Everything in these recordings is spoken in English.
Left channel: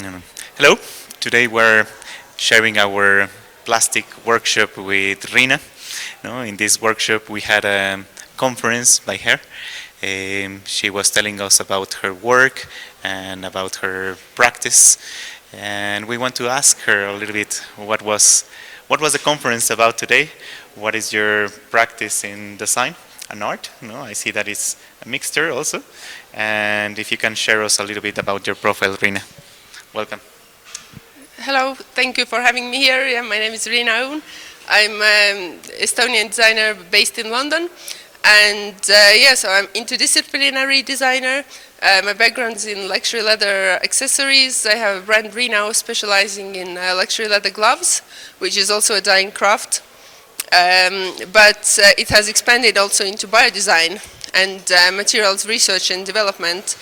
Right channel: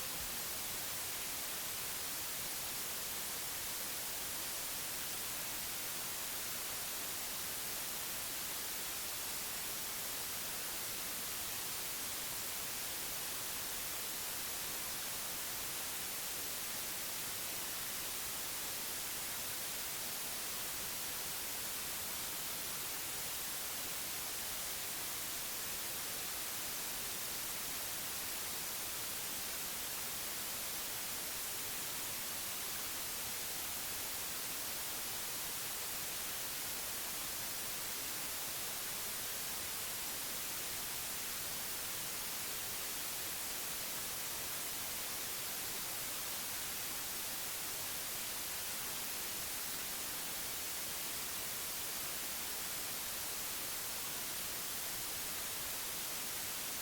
Mm. Hello. Today we're sharing our plastic workshop with Riina. No, in this workshop we had a conference by her. She was telling us about her work and about her practice, and we want to ask her a little bit what was the conference about today? What is your practice in design and art? No, I see that it's a mixture also. And if you can share us a little bit about your profile, Riina. Welcome. Hello, thank you for having me here. Yeah, my name is Riina Ounh. I'm an Estonian designer based in London, and so I'm interdisciplinary designer. My background is in luxury leather accessories. I have a brand Riina specializing in luxury leather gloves, which is also a dyeing craft. But it has expanded also into biodesign and materials research and development.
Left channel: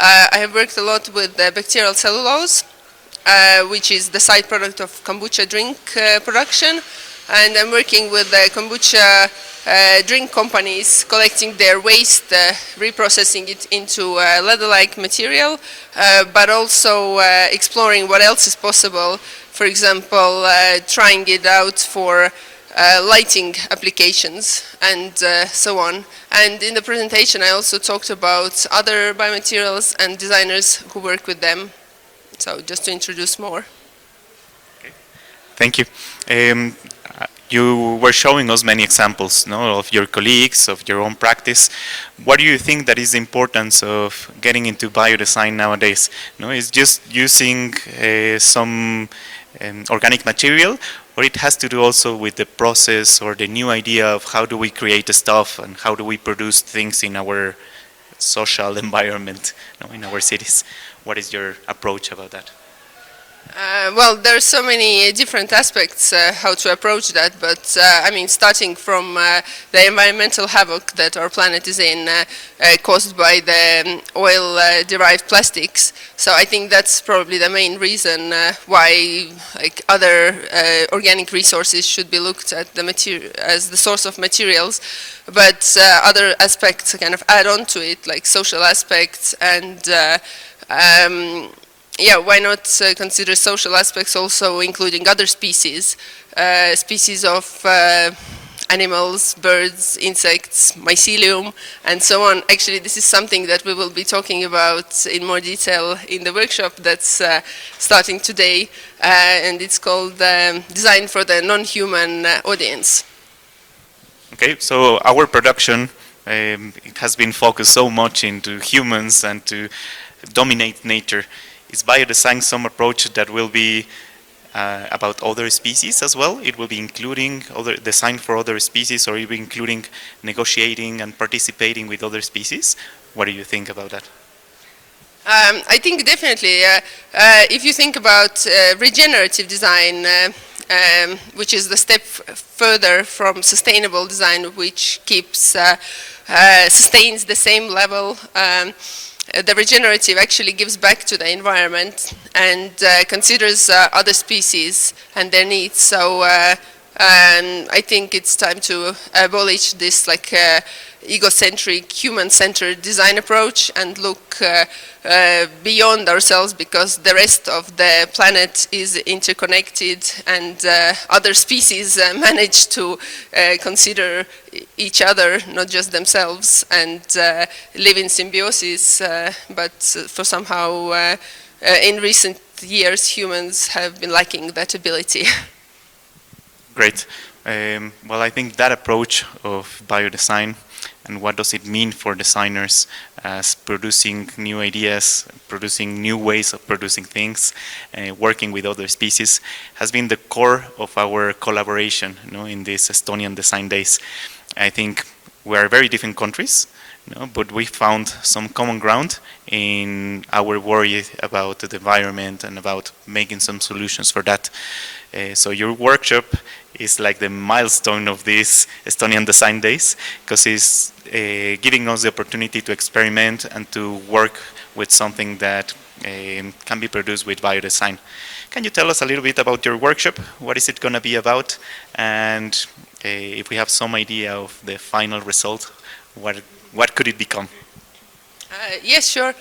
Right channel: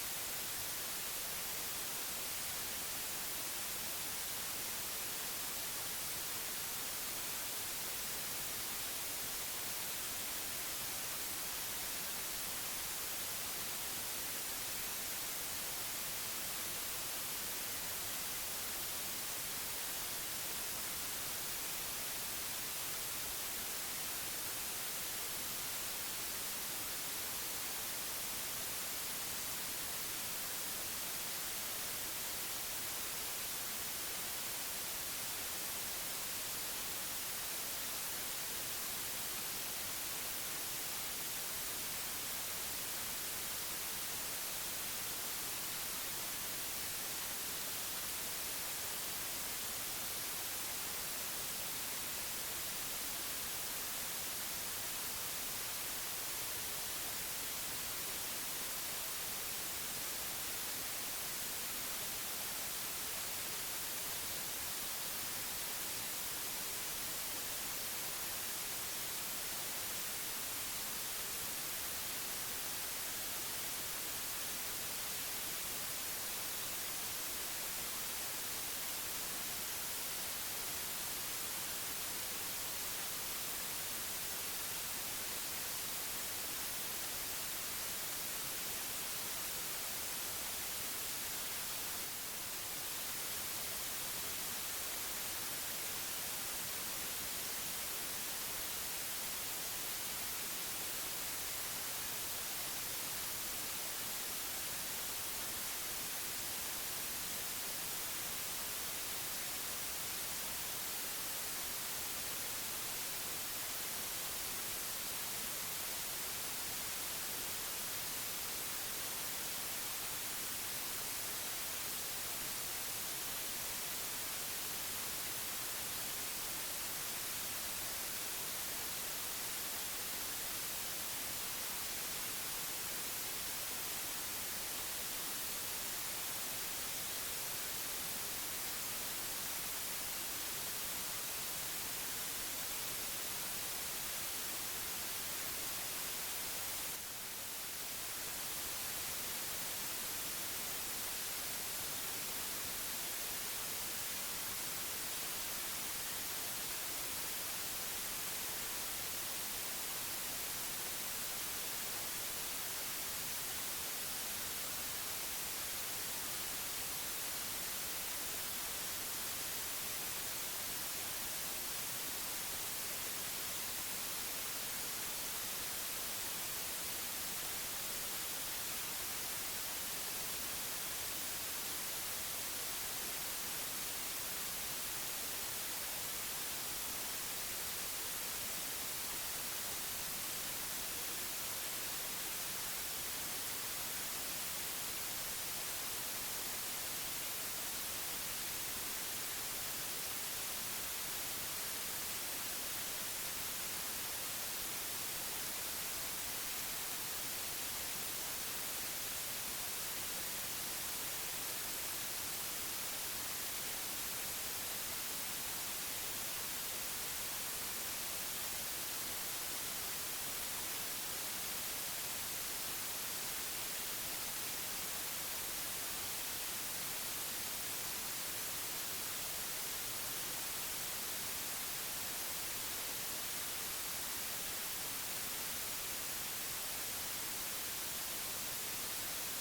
I have worked a lot with bacterial cellulose, which is the side product of kombucha drink production. And I'm working with kombucha drink companies, collecting their waste, reprocessing it into leather-like material, but also exploring what else is possible. For example, trying it out for lighting applications and so on. And in the presentation I also talked about other biomaterials and designers who work with them. So just to introduce more. Okay. Thank you. You were showing us many examples, no, of your colleagues, of your own practice. What do you think that is the importance of getting into biodesign nowadays? No, is just using some organic material, or it has to do also with the process or the new idea of how do we create the stuff and how do we produce things in our social environment, in our cities? What is your approach about that? Well, there are so many different aspects how to approach that, but I mean, starting from the environmental havoc that our planet is in, caused by the oil-derived plastics. So I think that's probably the main reason why other organic resources should be looked at as the source of materials. But other aspects kind of add on to it, like social aspects and why not consider social aspects also, including other species, species of animals, birds, insects, mycelium, and so on. Actually, this is something that we will be talking about in more detail in the workshop that's starting today, and it's called Design for the Non-Human Audience. Okay, so our production it has been focused so much into humans and to dominate nature. Is biodesign some approach that will be about other species as well? It will be including other design for other species, or even including negotiating and participating with other species? What do you think about that? I think definitely. If you think about regenerative design, which is the step further from sustainable design, which keeps sustains the same level. The regenerative actually gives back to the environment and considers other species and their needs. So I think it's time to abolish this egocentric, human-centered design approach and look beyond ourselves, because the rest of the planet is interconnected, and other species manage to consider each other, not just themselves, and live in symbiosis, but for somehow in recent years humans have been lacking that ability. Great. Well, I think that approach of biodesign and what does it mean for designers as producing new ideas, producing new ways of producing things, working with other species, has been the core of our collaboration in these Estonian Design Days. I think we are very different countries, but we found some common ground in our worry about the environment and about making some solutions for that. So your workshop is like the milestone of these Estonian Design Days, because it's giving us the opportunity to experiment and to work with something that can be produced with biodesign. Can you tell us a little bit about your workshop? What is it going to be about? And if we have some idea of the final result, what could it become? Yes, sure.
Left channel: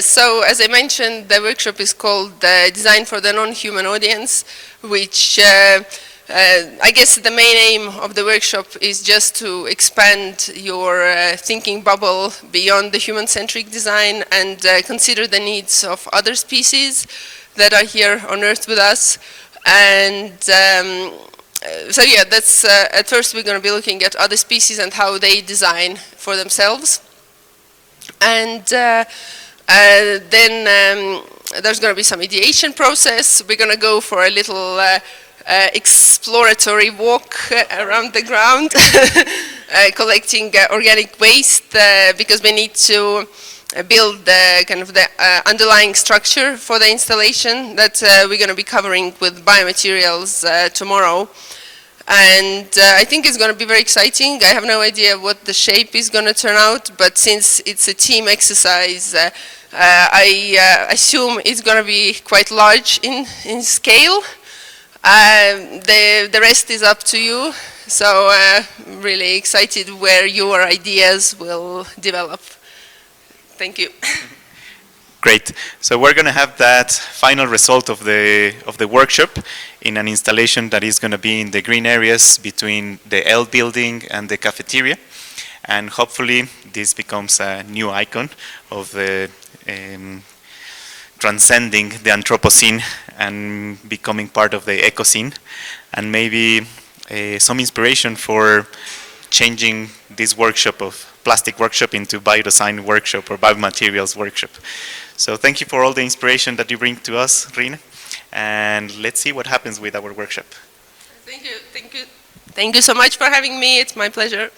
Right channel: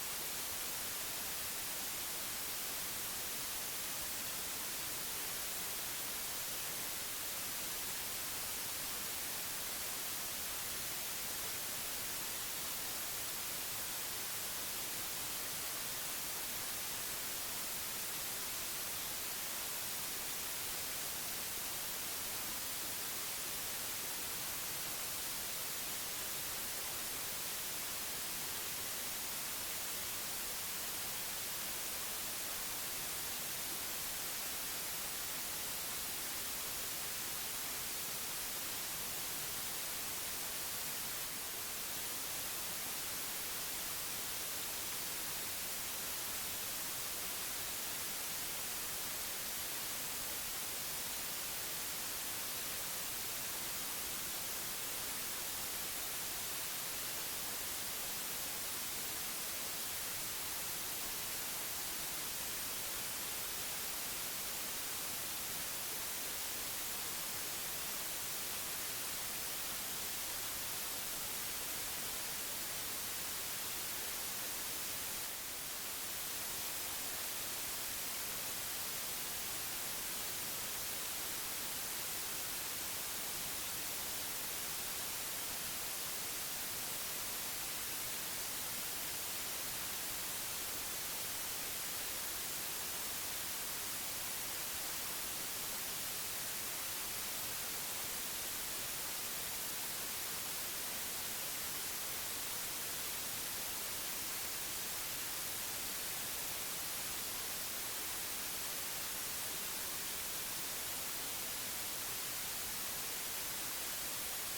So as I mentioned, the workshop is called Design for the Non-Human Audience, which I guess the main aim of the workshop is just to expand your thinking bubble beyond the human-centric design and consider the needs of other species that are here on Earth with us. And so yeah, that's at first we're going to be looking at other species and how they design for themselves. And then there's going to be some ideation process. We're going to go for a little exploratory walk around the ground, collecting organic waste because we need to build kind of the underlying structure for the installation that we're going to be covering with biomaterials tomorrow. And I think it's going to be very exciting. I have no idea what the shape is going to turn out, but since it's a team exercise, I assume it's going to be quite large in scale. The rest is up to you. So really excited where your ideas will develop. Thank you. Great. So we're going to have that final result of the workshop in an installation that is going to be in the green areas between the L building and the cafeteria. And hopefully this becomes a new icon of the transcending the Anthropocene and becoming part of the ecocene, and maybe some inspiration for changing this workshop of plastic workshop into biodesign workshop or biomaterials workshop. So thank you for all the inspiration that you bring to us, Riina, and let's see what happens with our workshop. Thank you. Thank you. Thank you so much for having me. It's my pleasure.